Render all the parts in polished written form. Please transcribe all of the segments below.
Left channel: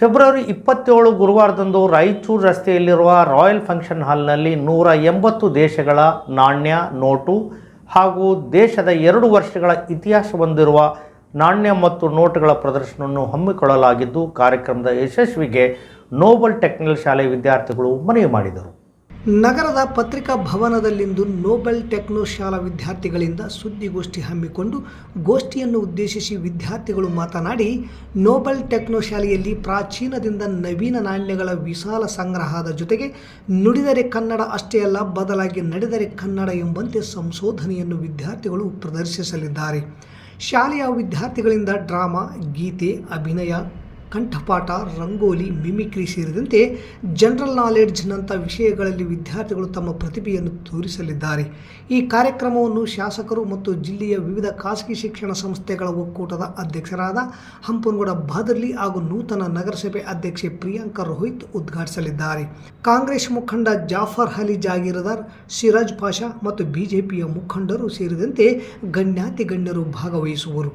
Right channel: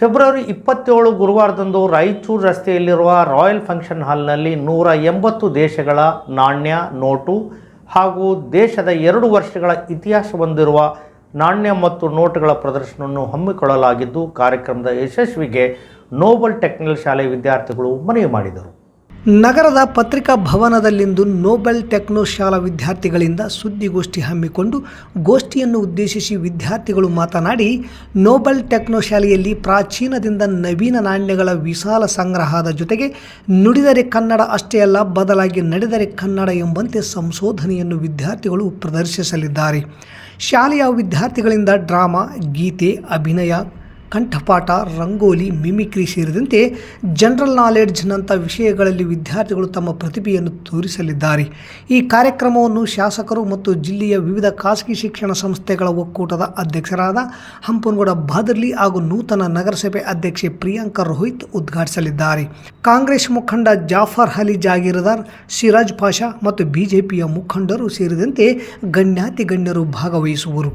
February 27 ಗುರುವಾರದಂದು Raichur ರಸ್ತೆಯಲ್ಲಿರುವ royal function ಹಾಲ್ನಲ್ಲಿ 180 ದೇಶಗಳ ನಾಣ್ಯ, ನೋಟು ಹಾಗೂ ದೇಶದ 2 ವರ್ಷಗಳ ಇತಿಹಾಸ ಹೊಂದಿರುವ ನಾಣ್ಯ ಮತ್ತು ನೋಟುಗಳ ಪ್ರದರ್ಶನವನ್ನು ಹಮ್ಮಿಕೊಳ್ಳಲಾಗಿದ್ದು, ಕಾರ್ಯಕ್ರಮದ ಯಶಸ್ವಿಗೆ ನೋಬಲ್ ಟೆಕ್ನಿಕಲ್ ಶಾಲೆ ವಿದ್ಯಾರ್ಥಿಗಳು ಮನವಿ ಮಾಡಿದರು. ನಗರದ ಪತ್ರಿಕಾ ಭವನದಲ್ಲಿಂದು ನೋಬೆಲ್ ಟೆಕ್ನೋ ಶಾಲಾ ವಿದ್ಯಾರ್ಥಿಗಳಿಂದ ಸುದ್ದಿಗೋಷ್ಠಿ ಹಮ್ಮಿಕೊಂಡು ಗೋಷ್ಠಿಯನ್ನು ಉದ್ದೇಶಿಸಿ ವಿದ್ಯಾರ್ಥಿಗಳು ಮಾತನಾಡಿ, ನೋಬೆಲ್ ಟೆಕ್ನೋ ಶಾಲೆಯಲ್ಲಿ ಪ್ರಾಚೀನದಿಂದ ನವೀನ ನಾಣ್ಯಗಳ ವಿಶಾಲ ಸಂಗ್ರಹದ ಜೊತೆಗೆ ನುಡಿದರೆ ಕನ್ನಡ ಅಷ್ಟೇ ಅಲ್ಲ, ಬದಲಾಗಿ ನಡೆದರೆ ಕನ್ನಡ ಎಂಬಂತೆ ಸಂಶೋಧನೆಯನ್ನು ವಿದ್ಯಾರ್ಥಿಗಳು ಪ್ರದರ್ಶಿಸಲಿದ್ದಾರೆ. ಶಾಲೆಯ ವಿದ್ಯಾರ್ಥಿಗಳಿಂದ ಡ್ರಾಮಾ, ಗೀತೆ, ಅಭಿನಯ, ಕಂಠಪಾಠ, ರಂಗೋಲಿ, ಮಿಮಿಕ್ರಿ ಸೇರಿದಂತೆ ಜನರಲ್ ನಾಲೆಡ್ಜ್ನಂಥ ವಿಷಯಗಳಲ್ಲಿ ವಿದ್ಯಾರ್ಥಿಗಳು ತಮ್ಮ ಪ್ರತಿಭೆಯನ್ನು ತೋರಿಸಲಿದ್ದಾರೆ. ಈ ಕಾರ್ಯಕ್ರಮವನ್ನು ಶಾಸಕರು ಮತ್ತು ಜಿಲ್ಲೆಯ ವಿವಿಧ ಖಾಸಗಿ ಶಿಕ್ಷಣ ಸಂಸ್ಥೆಗಳ ಒಕ್ಕೂಟದ ಅಧ್ಯಕ್ಷರಾದ ಹಂಪನಗೌಡ ಬಾದರ್ಲಿ ಹಾಗೂ ನೂತನ ನಗರಸಭೆ ಅಧ್ಯಕ್ಷೆ ಪ್ರಿಯಾಂಕಾ ರೋಹಿತ್ ಉದ್ಘಾಟಿಸಲಿದ್ದಾರೆ. ಕಾಂಗ್ರೆಸ್ ಮುಖಂಡ ಜಾಫರ್ ಅಲಿ ಜಾಗೀರದಾರ್, ಸಿರಾಜ್ ಪಾಷಾ ಮತ್ತು ಬಿಜೆಪಿಯ ಮುಖಂಡರು ಸೇರಿದಂತೆ ಗಣ್ಯರು ಭಾಗವಹಿಸುವರು.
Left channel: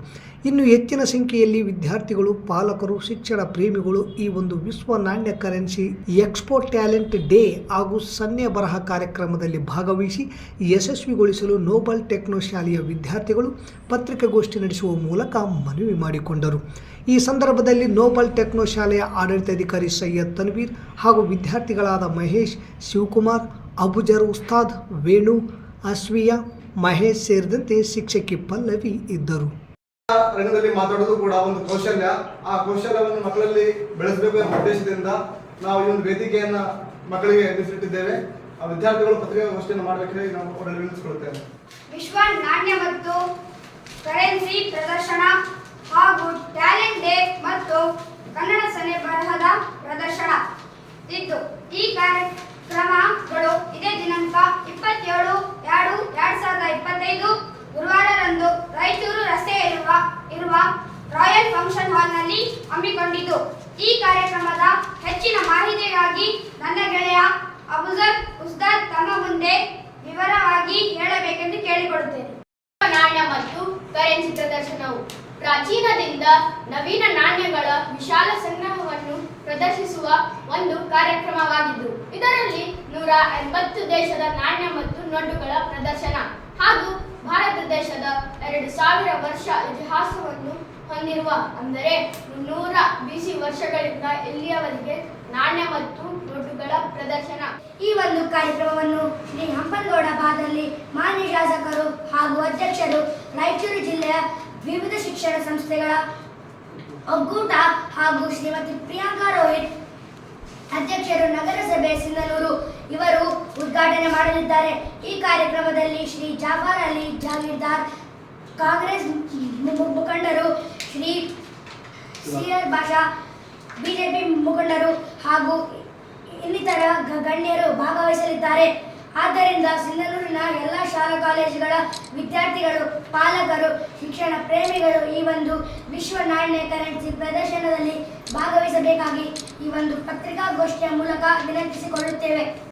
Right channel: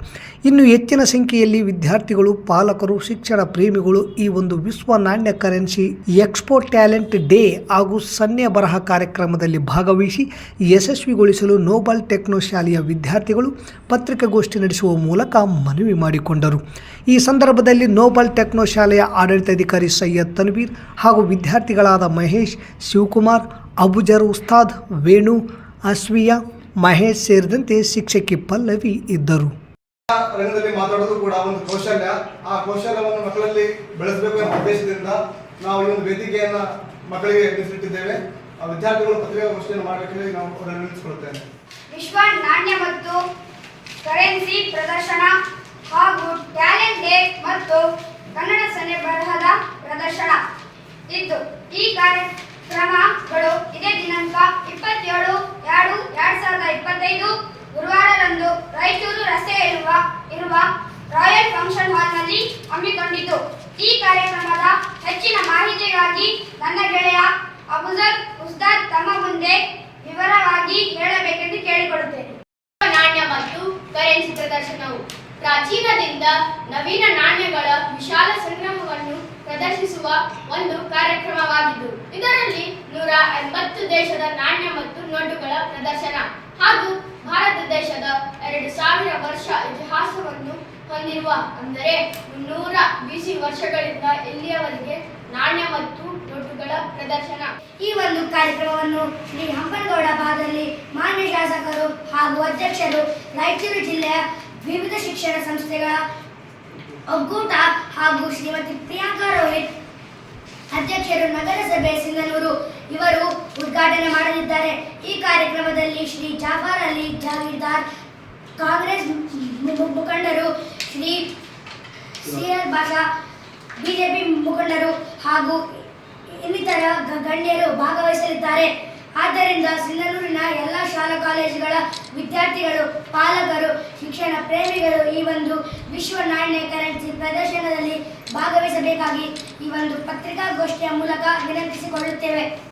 ಇನ್ನು ಹೆಚ್ಚಿನ ಸಂಖ್ಯೆಯಲ್ಲಿ ವಿದ್ಯಾರ್ಥಿಗಳು, ಪಾಲಕರು, ಶಿಕ್ಷಣ ಪ್ರೇಮಿಗಳು ಈ ಒಂದು ವಿಶ್ವ ನಾಣ್ಯ ಕರೆನ್ಸಿ ಎಕ್ಸ್ಪೋ ಟ್ಯಾಲೆಂಟ್ ಡೇ ಹಾಗೂ ಸನ್ನೆ ಬರಹ ಕಾರ್ಯಕ್ರಮದಲ್ಲಿ ಭಾಗವಹಿಸಿ ಯಶಸ್ವಿಗೊಳಿಸಲು ನೋಬೆಲ್ ಟೆಕ್ನೋ ಶಾಲೆಯ ವಿದ್ಯಾರ್ಥಿಗಳು ಪತ್ರಿಕಾಗೋಷ್ಠಿ ನಡೆಸುವ ಮೂಲಕ ಮನವಿ ಮಾಡಿಕೊಂಡರು. ಈ ಸಂದರ್ಭದಲ್ಲಿ ನೋಬೆಲ್ ಟೆಕ್ನೋ ಶಾಲೆಯ ಆಡಳಿತಾಧಿಕಾರಿ ಸೈಯದ್ ತನ್ವೀರ್ ಹಾಗೂ ವಿದ್ಯಾರ್ಥಿಗಳಾದ ಮಹೇಶ್, ಶಿವಕುಮಾರ್, ಅಬುಜರ್ ಉಸ್ತಾದ್, ವೇಣು, ಅಸ್ವಿಯಾ, ಮಹೇಶ್ ಸೇರಿದಂತೆ ಶಿಕ್ಷಕಿ ಪಲ್ಲವಿ ಇದ್ದರು. ರಂಗದಲ್ಲಿ ಮಾತಾಡೋದು ಕೂಡ ಒಂದು ಕೌಶಲ್ಯ. ಆ ಕೌಶಲ್ಯವನ್ನು ಮಕ್ಕಳಲ್ಲಿ ಬೆಳೆಸಬೇಕು ಎಂಬ ಉದ್ದೇಶದಿಂದ ನಾವು ಈ ಒಂದು ವೇದಿಕೆಯನ್ನ ಮಕ್ಕಳಿಗೆ ಮೀಸಲಿಟ್ಟಿದ್ದೇವೆ. ಆ ವಿದ್ಯಾರ್ಥಿಗಳು ಪತ್ರಿಕಾಗೋಷ್ಠಿಯನ್ನು ಮಾಡಬೇಕೆಂದು ನಾವು ಅವರಲ್ಲಿ ವಿನಂತಿಸಿಕೊಳ್ಳುತ್ತೇವೆ. ವಿಶ್ವ ನಾಣ್ಯ ಮತ್ತು ಕರೆನ್ಸಿ ಪ್ರದರ್ಶನ ಹಾಗೂ ಟ್ಯಾಲೆಂಟ್ ಡೇ ಮತ್ತು ಕನ್ನಡ ಸನ್ನೆ ಬರಹದ ಪ್ರದರ್ಶನ ಇದ್ದು, ಈ ಕಾರ್ಯಕ್ರಮಗಳು ಇದೇ ದಿನಾಂಕ 27/2/2025 ಗುರುವಾರದಂದು ರಾಯಚೂರು ರಸ್ತೆಯಲ್ಲಿರುವ ರಾಯಲ್ ಫಂಕ್ಷನ್ ಹಾಲ್ನಲ್ಲಿ ಹಮ್ಮಿಕೊಂಡಿದ್ದು, ಈ ಕಾರ್ಯಕ್ರಮದ ಹೆಚ್ಚಿನ ಮಾಹಿತಿಗಾಗಿ ನನ್ನ ಗೆಳೆಯ ಅಬುಜರ್ ಉಸ್ತಾದ್ ತಮ್ಮ ಮುಂದೆ ವಿವರವಾಗಿ ಹೇಳಬೇಕೆಂದು ಕೇಳಿಕೊಳ್ಳುತ್ತೇನೆ. ನಾಣ್ಯ ಮತ್ತು ಕರೆನ್ಸಿ ಪ್ರದರ್ಶನವು ಪ್ರಾಚೀನದಿಂದ ನವೀನ ನಾಣ್ಯಗಳ ವಿಶಾಲ ಸಂಗ್ರಹವನ್ನು ಪ್ರದರ್ಶಿಸುವ ಒಂದು ಕಾರ್ಯಕ್ರಮವಾಗಿದ್ದು, ಇದರಲ್ಲಿ 180 ದೇಶದ ನಾಣ್ಯ ಮತ್ತು ನೋಟುಗಳ ಪ್ರದರ್ಶನ ಹಾಗೂ ಭಾರತ ದೇಶದ 2000 ವರ್ಷ ಇತಿಹಾಸವನ್ನು ಹೊಂದಿರುವ, ಅಂದರೆ 300 BC ವರ್ಷಗಳಿಂದ ಇಲ್ಲಿಯವರೆಗೆ ನಾಣ್ಯ ಮತ್ತು ನೋಟುಗಳ ಪ್ರದರ್ಶನ. ಈ ಒಂದು ಕಾರ್ಯಕ್ರಮವನ್ನು ಶ್ರೀ ಹಂಪನಗೌಡ ಬಾದರ್ಲಿ, ಮಾನ್ಯ ಶಾಸಕರು ಹಾಗೂ ಅಧ್ಯಕ್ಷರು, ರಾಯಚೂರು ಜಿಲ್ಲೆಯ ವಿವಿಧ ಶಿಕ್ಷಣ ಸಂಸ್ಥೆಗಳ ಒಕ್ಕೂಟ ಹಾಗೂ ಶ್ರೀಮತಿ ಪ್ರಿಯಾಂಕಾ ರೋಹಿತ್ ಅಧ್ಯಕ್ಷರು, ನಗರಸಭೆ ಸಿಂಧನೂರು ಇವರು ಉದ್ಘಾಟನೆ ಮಾಡಲಿದ್ದಾರೆ. ಈ ಕಾರ್ಯಕ್ರಮದಲ್ಲಿ ಶ್ರೀ ಜಾಫರ್ ಅಲಿ ಜಾಗೀರ್ದಾರ್, ಕಾಂಗ್ರೆಸ್ ಮುಖಂಡರು, ಶ್ರೀ ಸಿರಾಜ್ ಪಾಷಾ, ಬಿಜೆಪಿ ಮುಖಂಡರು ಹಾಗೂ ಇನ್ನಿತರ ಗಣ್ಯರು ಭಾಗವಹಿಸಲಿದ್ದಾರೆ. ಆದ್ದರಿಂದ ಸಿಂಧನೂರಿನ ಎಲ್ಲ ಶಾಲಾ ಕಾಲೇಜುಗಳ ವಿದ್ಯಾರ್ಥಿಗಳು, ಪಾಲಕರು, ಶಿಕ್ಷಣ ಪ್ರೇಮಿಗಳು ಈ ಒಂದು ವಿಶ್ವ ನಾಣ್ಯ ಕರೆನ್ಸಿ ಪ್ರದರ್ಶನದಲ್ಲಿ ಭಾಗವಹಿಸಬೇಕಾಗಿ ಈ ಒಂದು ಪತ್ರಿಕಾಗೋಷ್ಠಿಯ ಮೂಲಕ ವಿನಂತಿಸಿಕೊಳ್ಳುತ್ತೇವೆ.